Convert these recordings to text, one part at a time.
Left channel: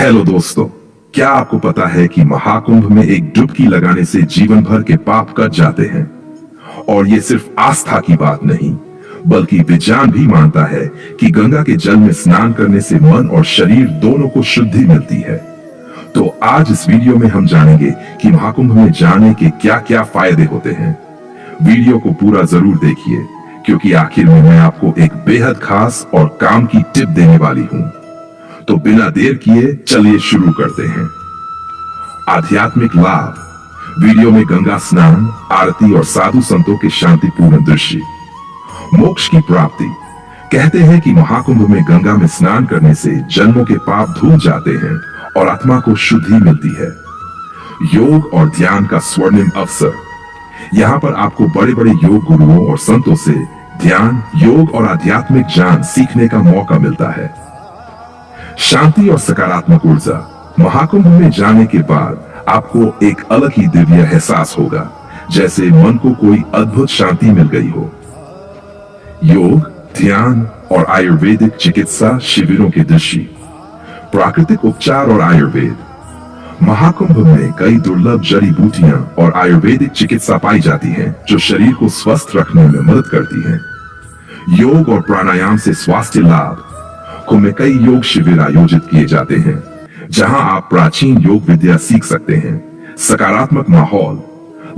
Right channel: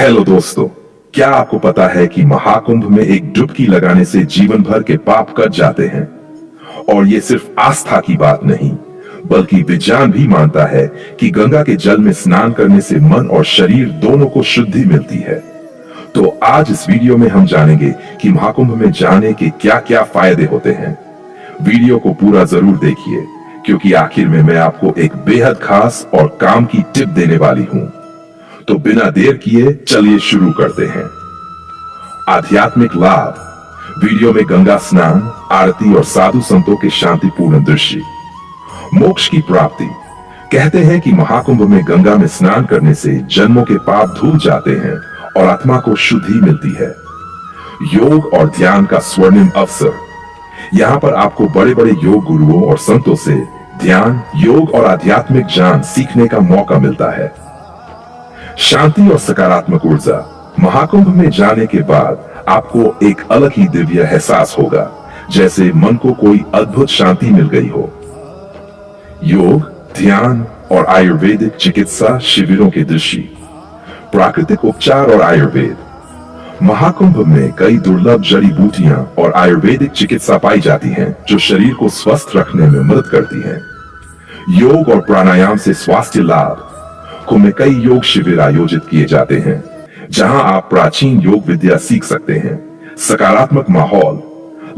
Hello दोस्तों, क्या आपको पता है कि महाकुंभ में एक डुबकी लगाने से जीवन भर के पाप कट जाते हैं। और ये सिर्फ आस्था की बात नहीं, बल्कि विज्ञान भी मानता है कि गंगा के जल में स्नान करने से मन और शरीर दोनों को शुद्धि मिलती है। तो आज इस वीडियो में हम जानेंगे कि महाकुंभ में जाने के क्या क्या फायदे होते हैं। वीडियो को पूरा जरूर देखिए, क्योंकि आखिर में मैं आपको एक बेहद खास और काम की टिप देने वाली हूं। तो बिना देर किए चलिए शुरू करते हैं। आध्यात्मिक लाभ। वीडियो में गंगा स्नान, आरती और साधु संतों के शांतिपूर्ण दृश्य। मोक्ष की प्राप्ति। कहते हैं कि महाकुंभ में गंगा में स्नान करने से जन्मों के पाप धुल जाते हैं और आत्मा को शुद्धि मिलती है। योग और ध्यान का स्वर्णिम अवसर। यहाँ पर आपको बड़े बड़े योग गुरुओं और संतों से ध्यान, योग और आध्यात्मिक ज्ञान सीखने का मौका मिलता है। शांति और सकारात्मक ऊर्जा। महाकुंभ में जाने के बाद आपको एक अलग ही दिव्य एहसास होगा, जैसे मन को कोई अद्भुत शांति मिल गई हो। योग, ध्यान और आयुर्वेदिक चिकित्सा शिविरों के दृश्य। प्राकृतिक उपचार और आयुर्वेद। महाकुंभ में कई दुर्लभ जड़ी बूटियां और आयुर्वेदिक चिकित्सा पाई जाती हैं, जो शरीर को स्वस्थ रखने में मदद करती हैं। योग और प्राणायाम से स्वास्थ्य लाभ। कुंभ में कई योग शिविर आयोजित किए जाते हैं, जहां आप प्राचीन योग विद्या सीख सकते हैं। सकारात्मक माहौल।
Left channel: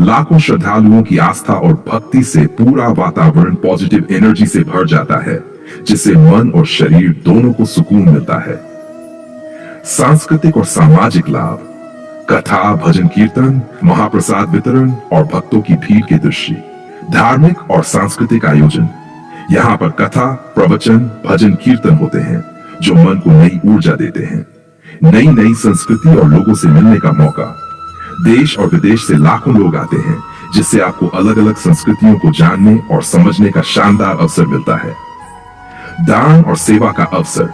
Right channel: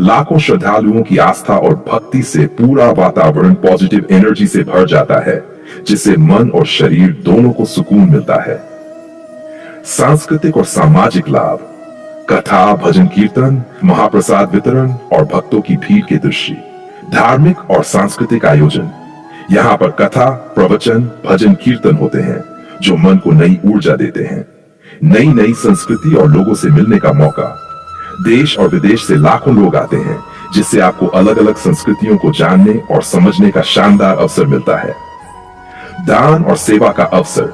लाखों श्रद्धालुओं की आस्था और भक्ति से पूरा वातावरण पॉजिटिव एनर्जी से भर जाता है, जिससे मन और शरीर दोनों को सुकून मिलता है। सांस्कृतिक और सामाजिक लाभ। कथा, भजन कीर्तन, महाप्रसाद वितरण और भक्तों की भीड़ के दृश्य। धार्मिक और सांस्कृतिक आयोजन। यहाँ पर कथा, प्रवचन, भजन कीर्तन होते हैं, जो मन को नई ऊर्जा देते हैं। नई नई संस्कृति और लोगों से मिलने का मौका। देश और विदेश से लाखों लोग आते हैं, जिससे आपको अलग अलग संस्कृतियों को जानने और समझने का शानदार अवसर मिलता है। दान और सेवा का अवसर।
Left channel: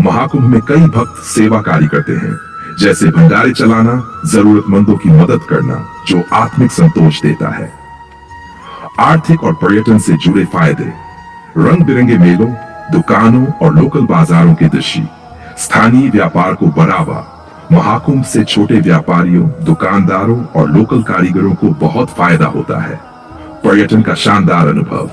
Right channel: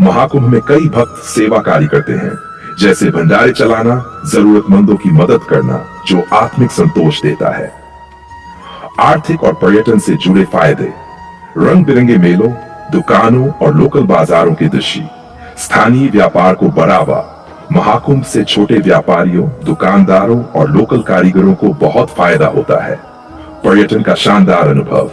महाकुंभ में कई भक्त सेवा कार्य करते हैं, जैसे भंडारे चलाना, जरूरतमंदों की मदद करना, जो आत्मिक संतोष देता है। आर्थिक और पर्यटन से जुड़े फायदे। रंग बिरंगे मेलों, दुकानों और लोकल बाजारों के दृश्य। स्थानीय व्यापार को बढ़ावा। महाकुंभ से छोटे व्यापारियों, दुकानदारों और लोकल कारीगरों को बहुत फायदा होता है। पर्यटन का शानदार अनुभव।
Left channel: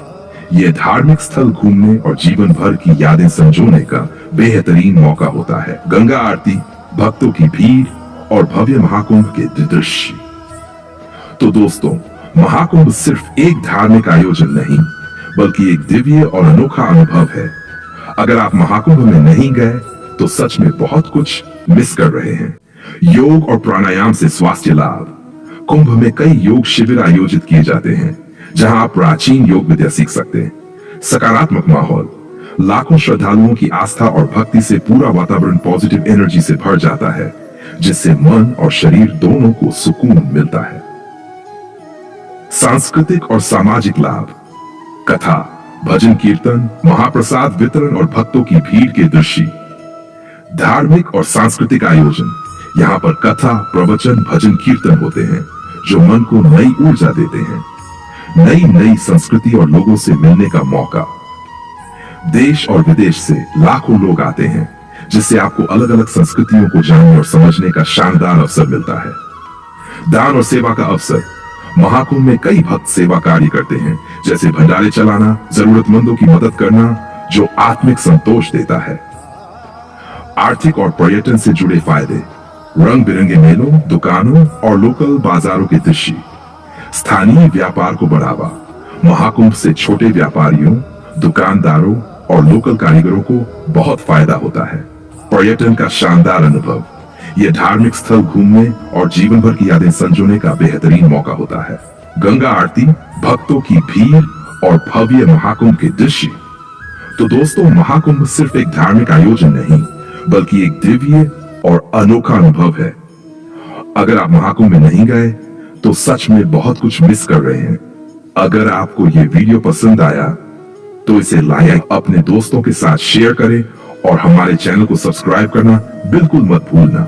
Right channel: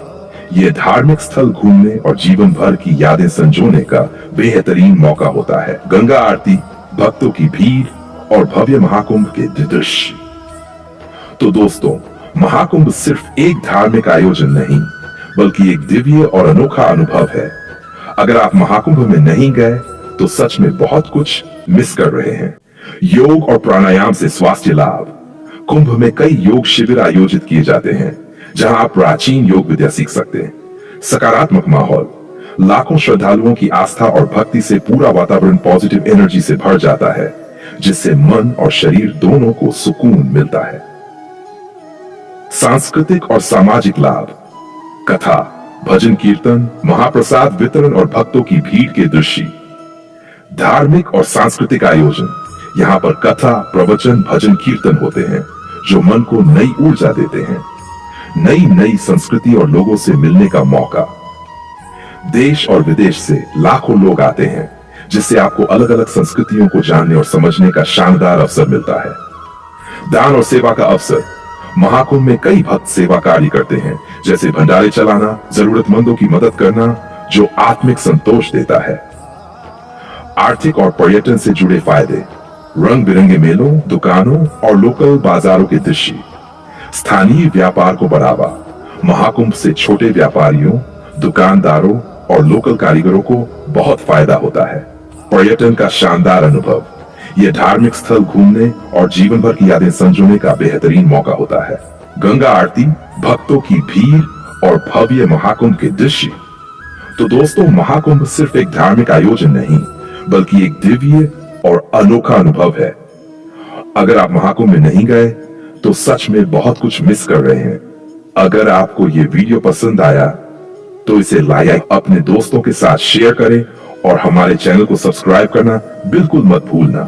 यह धार्मिक स्थल घूमने और जीवन भर की यादें संजोने का बेहतरीन मौका होता है। गंगा आरती, भक्तों की भीड़ और भव्य महाकुंभ के दृश्य। तो दोस्तों, महाकुंभ सिर्फ एक धार्मिक आयोजन नहीं, बल्कि एक दिव्य और अनोखा अनुभव है। अगर आप महाकुंभ में नहीं गए तो सच में बहुत कुछ मिस कर रहे हैं। योग और प्राणायाम से स्वास्थ्य लाभ। कुंभ में कई योग शिविर आयोजित किए जाते हैं, जहां आप प्राचीन योग विद्या सीख सकते हैं। सकारात्मक माहौल। लाखों श्रद्धालुओं की आस्था और भक्ति से पूरा वातावरण पॉजिटिव एनर्जी से भर जाता है, जिससे मन और शरीर दोनों को सुकून मिलता है। सांस्कृतिक और सामाजिक लाभ। कथा, भजन कीर्तन, महाप्रसाद वितरण और भक्तों की भीड़ के दृश्य। धार्मिक और सांस्कृतिक आयोजन। यहाँ पर कथा, प्रवचन, भजन कीर्तन होते हैं, जो मन को नई ऊर्जा देते हैं। नई नई संस्कृति और लोगों से मिलने का मौका। देश और विदेश से लाखों लोग आते हैं, जिससे आपको अलग अलग संस्कृतियों को जानने और समझने का शानदार अवसर मिलता है। दान और सेवा का अवसर। महाकुंभ में कई भक्त सेवा कार्य करते हैं, जैसे भंडारे चलाना, जरूरतमंदों की मदद करना, जो आत्मिक संतोष देता है। आर्थिक और पर्यटन से जुड़े फायदे। रंग बिरंगे मेलों, दुकानों और लोकल बाजारों के दृश्य। स्थानीय व्यापार को बढ़ावा। महाकुंभ से छोटे व्यापारियों, दुकानदारों और लोकल कारीगरों को बहुत फायदा होता है। पर्यटन का शानदार अनुभव। यह धार्मिक स्थल घूमने और जीवन भर की यादें संजोने का बेहतरीन मौका होता है। गंगा आरती, भक्तों की भीड़ और भव्य महाकुंभ के दृश्य। तो दोस्तों, महाकुंभ सिर्फ एक धार्मिक आयोजन नहीं, बल्कि एक दिव्य और अनोखा अनुभव है। अगर आप महाकुंभ में नहीं गए तो सच में बहुत कुछ मिस कर रहे हैं। अगर आपको ये वीडियो पसंद आया तो इसे लाइक, अपने दोस्तों के साथ शेयर करें और हमारे चैनल को सब्सक्राइब करना बिल्कुल मत भूलना।